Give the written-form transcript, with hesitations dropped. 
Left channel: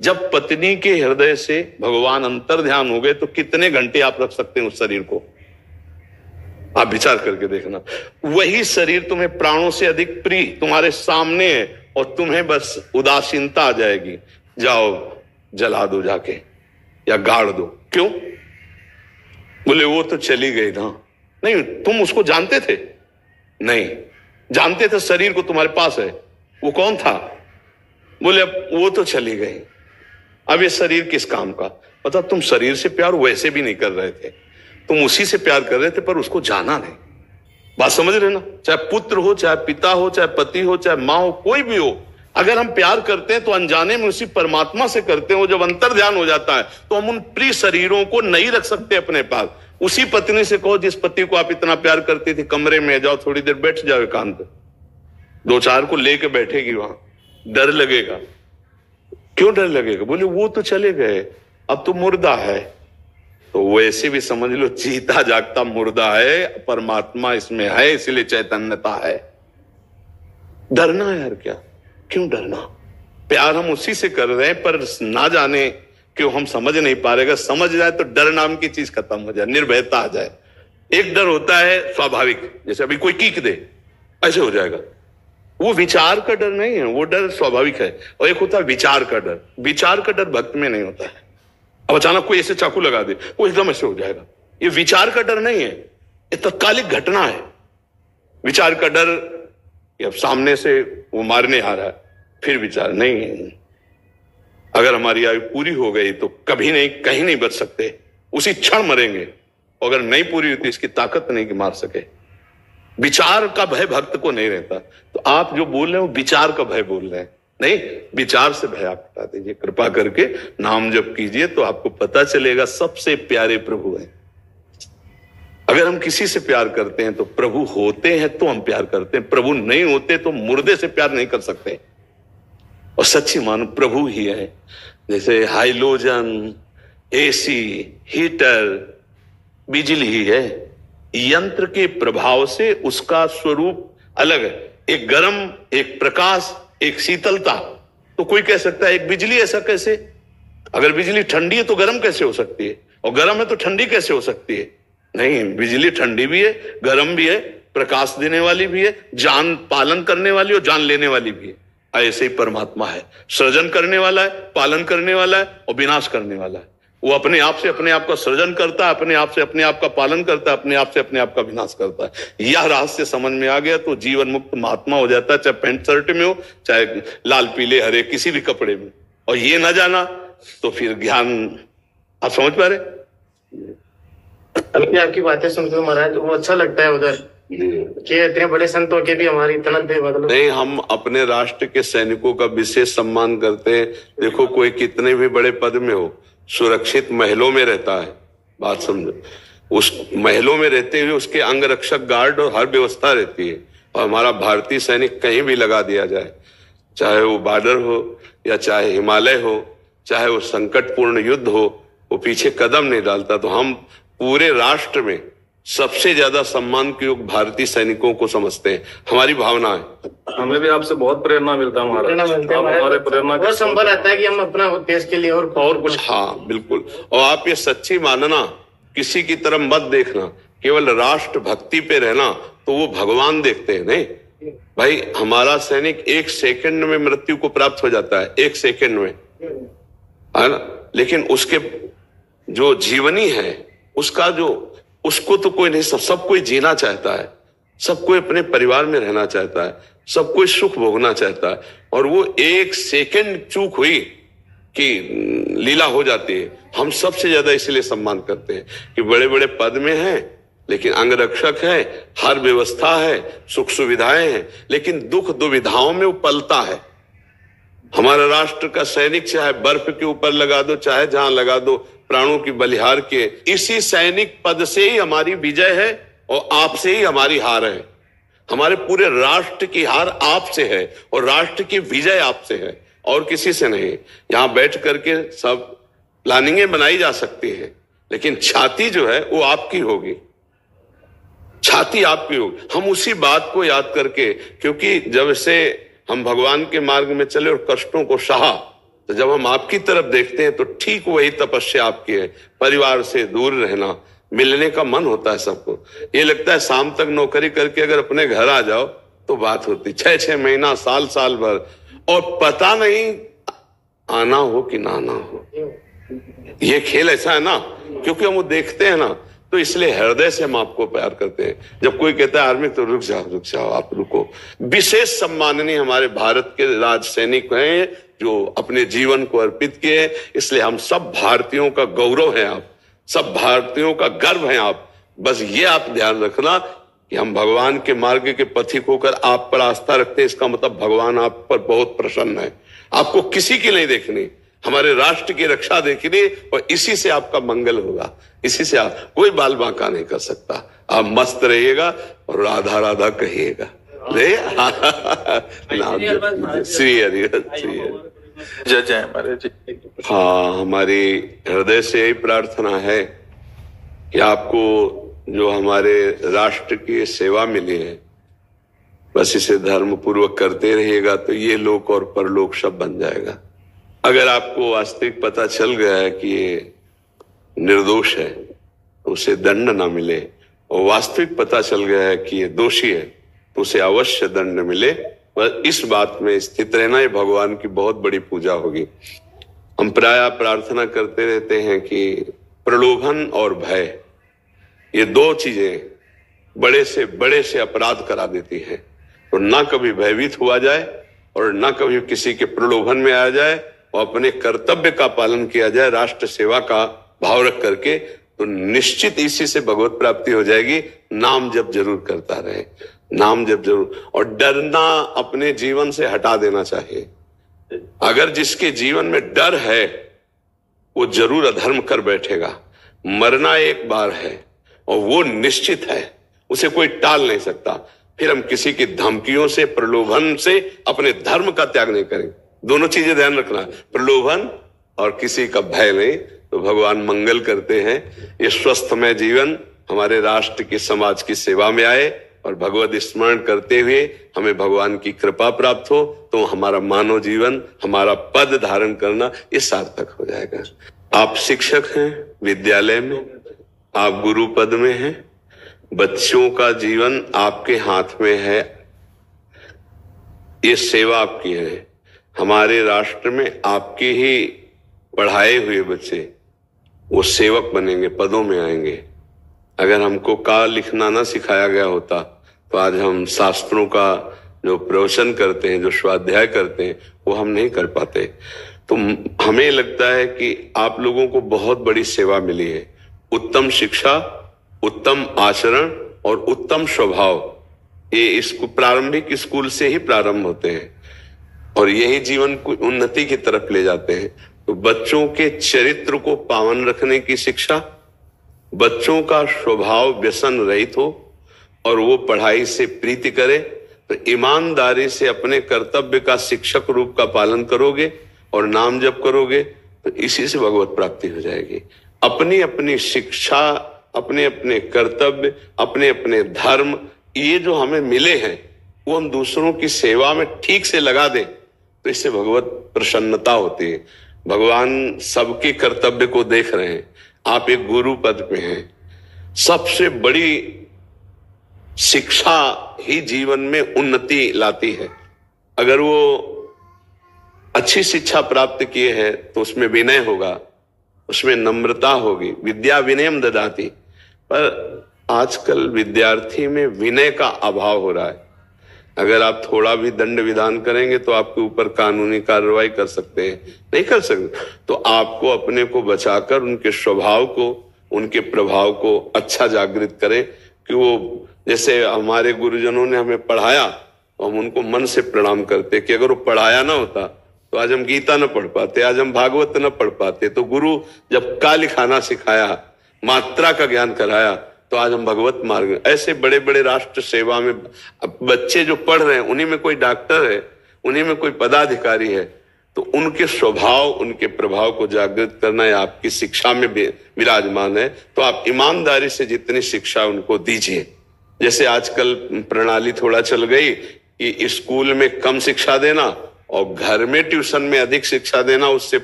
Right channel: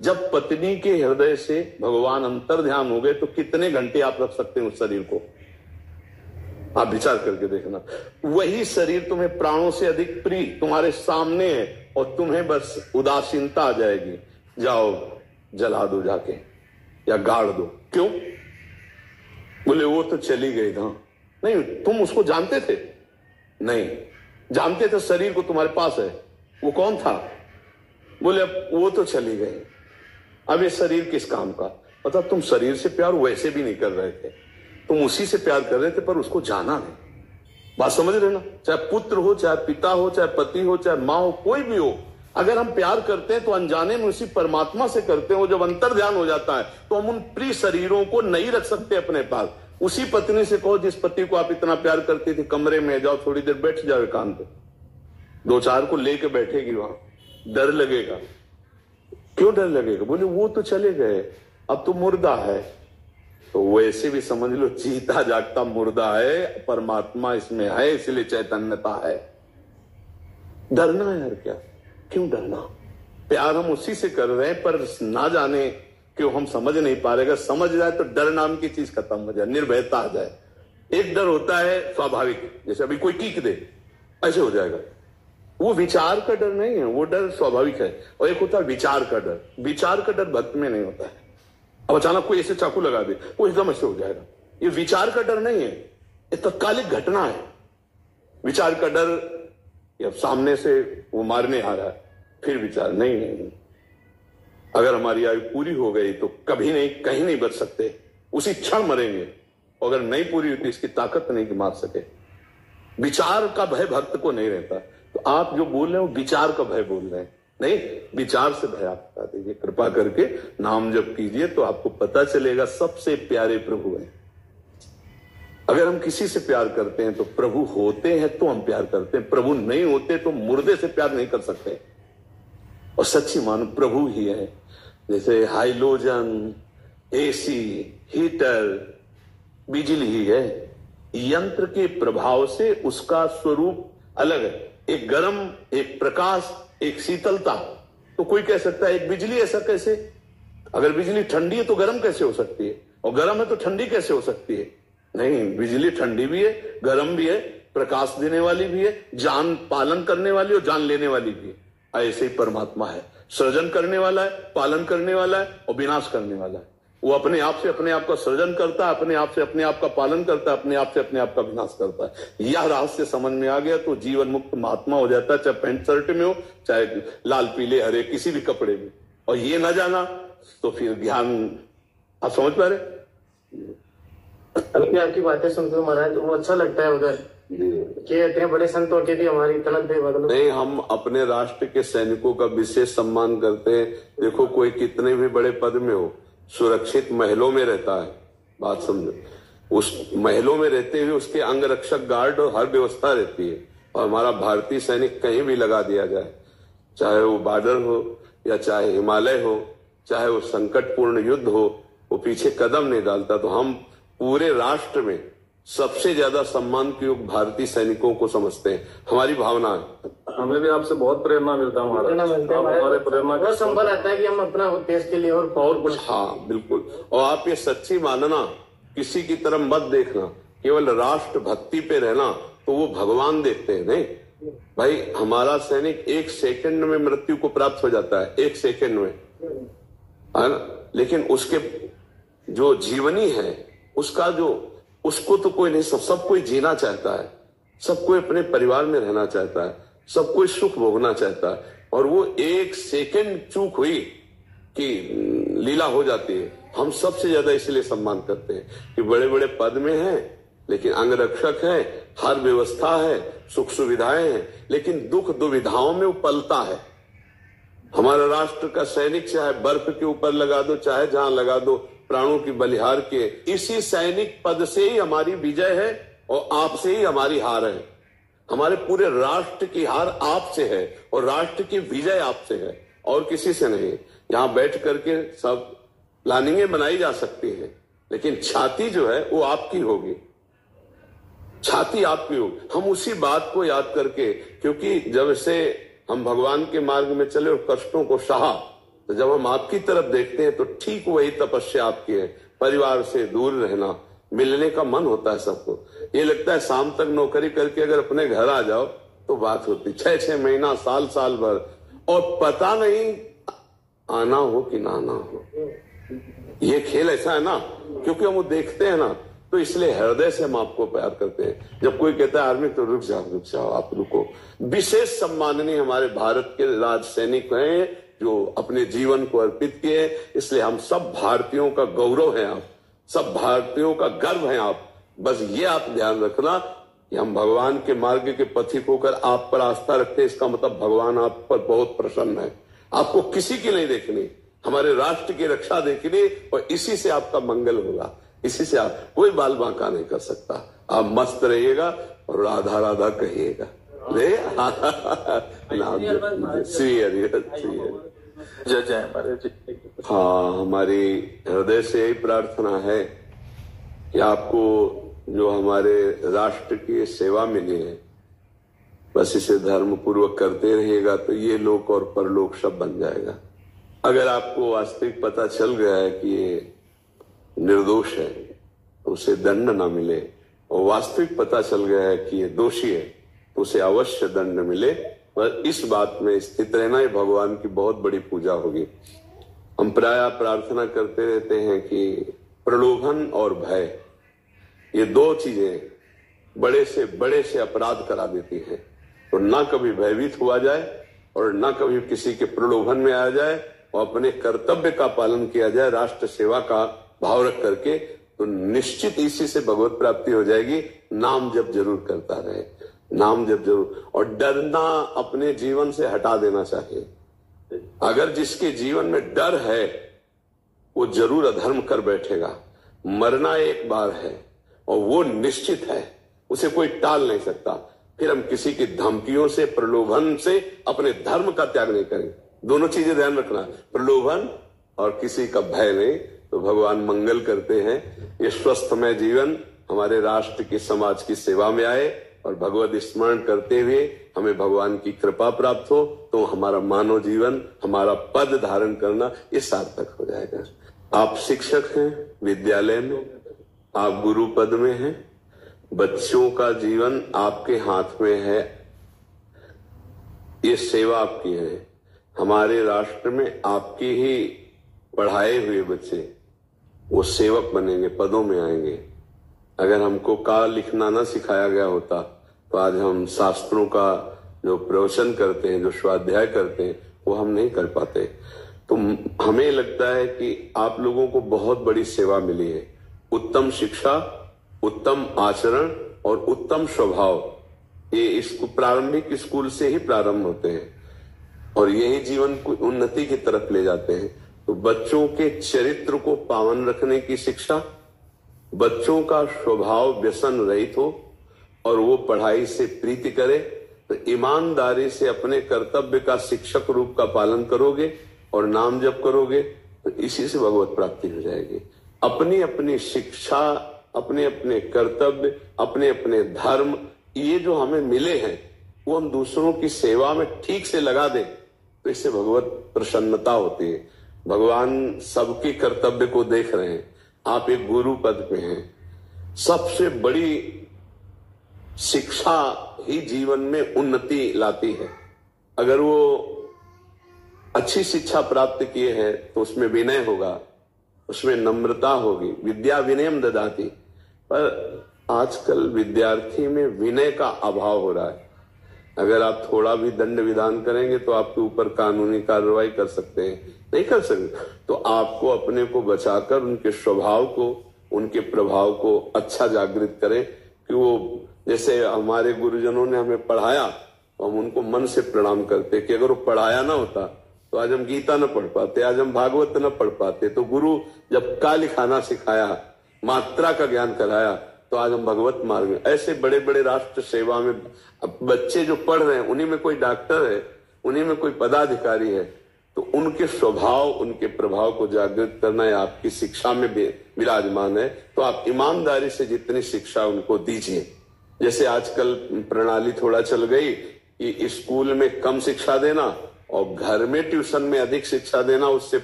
जब पत्नी के हृदय से भगवान अंतर ध्यान हो गए तो कितने घंटे आप रख सकते हैं उस शरीर को? आप विचार करके देखना। वही शरीर तुम्हें प्राणों से अधिक प्रिय तुम्हारे सामने है और तुम्हें बस उदासीनता आ जाएगी, जाओ जला दो जाके या गाड़ दो। क्यों? बोले वो तो चली गई ना। नहीं, तुम उसको जानते थे? नहीं जानते थे, शरीर को तुम्हारे पास है। वो कौन था? बोले वो तो चली गई, अब ये शरीर किस काम का? मतलब तुम शरीर से प्यार वैसे भी नहीं कर रहे थे, तुम उसी से प्यार कर रहे थे पर उसको जाना नहीं। बात समझ रहे ना? चाहे पुत्र हो, चाहे पिता हो, चाहे पति हो, चाहे मां हो, कोई भी हो, अगर हम प्यार करते हैं तो अनजाने में उसी परमात्मा से करते हैं। वो जब अंतर ध्यान हो जाता है तो हम उन प्रिय शरीरों को नहीं रख सकते अपने पास। उसी पत्नी से कहो जिस पति को आप इतना प्यार करती थी, कमरे में जाओ, थोड़ी देर बैठ जाओ एकांत, दो चार को लेके बैठेगी वहां, डर लगेगा। क्यों डर लगेगा? बोले वो तो चले गए, अब तो मुर्दा है। तो वैसे भी समझ लो जीता जागता मुर्दा है, परमात्मा इसमें है, इसलिए चैतन्यता है। डरना है यार, क्या क्यों डरना? प्यार हम उसी से कर रहे हैं, पर ना जाने क्यों हम समझ नहीं पा रहे। समझ जाए तो डर नाम की चीज खत्म हो जाए, निर्भयता आ जाए। एक डर होता है स्वाभाविक, जैसे अभी कोई कीक दे ऐसे हो जाएगा, वो विचार का डर नहीं है, वो डर स्वाभाविक है। और एक होता है विचार का डर। विचार का डर भक्त में नहीं होता है। अब अचानक कोई ऐसे चाकू लगा दे, वो एकदम ऐसे हो जाएगा। ये विचार का डर नहीं है, ये तत्कालिक घटना है। विचार का डर, अब सामने से वो मारने आ रहा है, फिर विचार नहीं है। अगर हमारी आयु पूरी हो गई तो कभी नहीं, कहीं नहीं बच सकते, उसी क्षण मरेंगे। अगर नहीं पूरी होती, इसकी ताकत नहीं कि मार सके। विचार का भय भक्त को नहीं रहता। तो आप जो बोल रहे हो विचार का भय बोल रहे हैं, नहीं, विचार से भय आप हटा दीजिए कृपा करके। नाम जप कीजिए तो आपको पता चलेगा सबसे प्यारे प्रभु हैं। अगर हम किसी से प्यार करते हैं तो प्रभु होते हैं तो हम प्यार करते हैं, प्रभु नहीं होते तो मुर्दे से प्यार नहीं कर सकते। और सच्ची मानो प्रभु ही है। जैसे हाइलोजन, एसी, हीटर, बिजली ही है। यंत्र के प्रभाव से उसका स्वरूप अलग है, एक गर्म, एक प्रकाश, एक शीतलता। तो कोई कह सकता है एक बिजली ऐसा कैसे? अगर बिजली ठंडी है तो गर्म कैसे हो सकती है? और गर्म है तो ठंडी कैसे हो सकती है? नहीं, बिजली ठंडी भी है, गर्म भी है, प्रकाश देने वाली भी है, जान पालन करने वाली और जान लेने वाली भी है। ऐसे ही परमात्मा है, सृजन करने वाला है, पालन करने वाला है और विनाश करने वाला है। वो अपने आप से अपने आप का सृजन करता है, अपने आप से अपने आप का पालन करता है, अपने आप से अपने आप का विनाश करता है। यह रहस्य समझ में आ गया तो जीवन मुक्त महात्मा हो जाता है, चाहे पैंट शर्ट में हो, चाहे लाल पीले हरे किसी भी कपड़े में। और ये ना जाना तो फिर ज्ञान आप समझ पा रहे? अभी आपकी बातें सुनकर महाराज वो अच्छा लगता है उधर कि इतने बड़े संतों के भी हमारी इतना बेबदल नहीं। हम अपने राष्ट्र के सैनिकों का विशेष सम्मान करते हैं। देखो कोई कितने भी बड़े पद में हो, सुरक्षित महलों में रहता है। बात समझो, उस महलों में रहते हुए उसके अंगरक्षक गार्ड और हर व्यवस्था रहती है। और हमारा भारतीय सैनिक कहीं भी लगा दिया जाए, चाहे वो बॉर्डर हो या चाहे हिमालय हो, चाहे वो संकटपूर्ण युद्ध हो, वो पीछे कदम नहीं डालता। तो हम पूरे राष्ट्र में सबसे ज्यादा सम्मान के योग भारतीय सैनिकों को समझते हैं। हमारी भावना है। हमें भी आपसे बहुत प्रेरणा मिलता है हमारे प्रेरणा बहुत संभल आता है कि हम अपना देश के लिए और कुछ। हाँ बिल्कुल। और आप ये सच्ची मानना, किसी की तरफ मत देखना, केवल राष्ट्र भक्ति पे रहना, तो वो भगवान देखते हैं। नहीं भाई, हमारा सैनिक 1 सेकंड में मृत्यु को प्राप्त हो जाता है, 1 सेकंड में, है ना। लेकिन उसके जो जीवनी है, उसका जो, उसको तो कोई नहीं, सब कोई जीना चाहता है, सब कोई अपने परिवार में रहना चाहता है, सब कोई सुख भोगना चाहता है। और वो 1 सेकंड चूक हुई कि लीला हो जाती है। हम सबसे ज्यादा इसलिए सम्मान करते हैं कि बड़े बड़े पद में हैं, लेकिन अंगरक्षक है, हर व्यवस्था है, सुख सुविधाएं हैं, लेकिन दुख दुविधाओं में वो पलता है। हमारा राष्ट्र का सैनिक चाहे बर्फ के ऊपर लगा दो, चाहे जहां लगा दो, प्राणों की बलिहार के, इसी सैनिक पद से ही हमारी विजय है और आपसे ही हमारी हार है। हमारे पूरे राष्ट्र की हार आपसे है और राष्ट्र की विजय आपसे है और किसी से नहीं। यहां बैठ करके सब प्लानिंगें बनाई जा सकती है, लेकिन छाती जो है वो आपकी होगी, छाती आपकी होगी। हम उसी बात को याद करके, क्योंकि जब से हम भगवान के मार्ग में चले और कष्टों को सहा, तो जब हम आपकी तरफ देखते हैं तो ठीक वही तपस्या आपकी है। परिवार से दूर रहना, मिलने का मन होता है सबको। ये लगता है शाम तक नौकरी करके अगर अपने घर आ जाओ तो बात होती, 6-6 महीना, साल भर, और पता नहीं आना हो कि ना आना हो। ये खेल ऐसा है ना, क्योंकि हम वो देखते हैं ना, तो इसलिए हृदय से हम आपको प्यार करते हैं। जब कोई कहता है आर्मी, तो रुक जाओ, आप रुको। विशेष सम्माननीय हमारे भारत के राज सैनिक हैं जो अपने जीवन को अर्पित किए, इसलिए हम सब भारतीयों का गौरव है आप, सब भारतीयों का गर्व है आप। बस ये आप ध्यान रखना कि हम भगवान के मार्ग के पथिक होकर आप पर आस्था रखते हैं, इसका मतलब भगवान आप पर बहुत प्रसन्न है। आपको किसी की नहीं देखनी, हमारे राष्ट्र की रक्षा देखनी, और इसी से आपका मंगल होगा। इसी से आप कोई बाल बांका नहीं कर सकता। आप मस्त रहिएगा और राधा राधा कहिएगा। श्री हरि जय जय महाराज जी। हाँ, हमारी हृदय से यही प्रार्थना है कि आपको जो हमारे राष्ट्र की सेवा मिली है, बस इसे धर्म पूर्वक करते रहिएगा तो ये लोक और परलोक सब बन जाएगा। अगर आपको वास्तविक पता चल गया है कि ये निर्दोष है तो उसे दंड ना मिले, और वास्तविक पता चल गया है कि ये दोषी है तो उसे अवश्य दंड मिले। बस इस बात में स्थित रहना, ये भगवान की बहुत बड़ी पूजा होगी। हम प्रायः प्रार्थना करते रहते हैं कि प्रलोभन और भय, ये दो चीजें बड़े से अपराध करा देती है। तो ना कभी भयभीत हुआ जाए और ना कभी किसी के प्रलोभन में आ जाए, और अपने कर्तव्य का पालन किया जाए राष्ट्र सेवा का भाव रख करके, तो निश्चित इसी से भगवत प्राप्ति हो जाएगी। नाम जप जरूर करता रहे, नाम जप जरूर, और डरना अपने जीवन से हटा देना चाहिए। अगर जिसके जीवन में डर है वो जरूर अधर्म कर बैठेगा। मरना एक बार है और वो निश्चित है, उसे कोई टाल नहीं सकता। फिर हम किसी की धमकियों से, प्रलोभन से अपने धर्म का त्याग नहीं करेंगे। दोनों चीजें ध्यान रखना, प्रलोभन और किसी का भय नहीं, तो भगवान मंगल करते हैं। ये स्वस्थमय जीवन हमारे राष्ट्र की, समाज की सेवा में आए, और भगवत स्मरण करते हुए हमें भगवान की कृपा प्राप्त हो, तो हमारा मानव जीवन, हमारा पद धारण करना ये सार्थक हो जाएगा। आप शिक्षक हैं विद्यालय में, आप गुरु पद में हैं, बच्चों का जीवन आपके हाथ में है, ये सेवा आपकी है। हमारे राष्ट्र में आपके ही पढ़ाए हुए बच्चे वो सेवक बनेंगे, पदों में आएंगे। अगर हमको का लिखना ना सिखाया गया होता तो आज हम शास्त्रों का जो प्रवचन करते हैं, जो स्वाध्याय करते हैं, वो हम नहीं कर पाते। तो हमें लगता है कि आप लोगों को बहुत बड़ी सेवा मिली है। उत्तम शिक्षा, उत्तम आचरण और उत्तम स्वभाव, ये इसको प्रारंभिक स्कूल से ही प्रारंभ होते हैं और यही जीवन को उन्नति की तरफ ले जाते हैं। तो बच्चों के चरित्र को पावन रखने की शिक्षा, बच्चों का स्वभाव व्यसन रहित हो और वो पढ़ाई से प्रीति करे, तो ईमानदारी से अपने कर्तव्य का शिक्षक रूप का पालन करोगे और नाम जप करोगे, तो इसी से भगवत प्राप्ति हो जाएगी। अपनी अपनी शिक्षा, अपने अपने कर्तव्य, अपने अपने धर्म, ये जो हमें मिले हैं वो हम दूसरों की सेवा में ठीक से लगा दें, तो इससे भगवत प्रसन्नता होती है। भगवान सबके कर्तव्य को देख रहे हैं। आप एक गुरु पद पे हैं। सबसे बड़ी शिक्षा ही जीवन में उन्नति लाती है। अगर वो अच्छी शिक्षा प्राप्त किए हैं तो उसमें विनय होगा, उसमें नम्रता होगी। विद्या विनयम ददाति। पर आजकल विद्यार्थी में विनय का अभाव हो रहा है। अगर आप थोड़ा भी दंड विधान करेंगे तो आपके ऊपर कानूनी कार्रवाई कर सकते हैं, नहीं कर सकते। तो आपको अपने को बचाकर उनके स्वभाव को, उनके प्रभाव को अच्छा जागृत करें कि वो, जैसे हमारे गुरुजनों ने हमें पढ़ाया तो हम उनको मन से प्रणाम करते कि अगर वो पढ़ाया ना होता तो आज हम गीता न पढ़ पाते, आज हम भागवत न पढ़ पाते। तो गुरु जब का लिखाना सिखाया, मात्रा का ज्ञान कराया, तो आज हम भगवत मार्ग। ऐसे बड़े बड़े राष्ट्र सेवा में बच्चे जो पढ़ रहे हैं, उन्हीं में कोई डॉक्टर है, उन्हीं में कोई पदाधिकारी है, तो उनके स्वभाव, उनके प्रभाव को जागृत करना है, आपकी शिक्षा में विराजमान है। तो आप ईमानदारी से जितनी शिक्षा उनको दीजिए। जैसे आजकल प्रणाली थोड़ा चल गई कि स्कूल में कम शिक्षा देना और घर में ट्यूशन में अधिक शिक्षा देना, उससे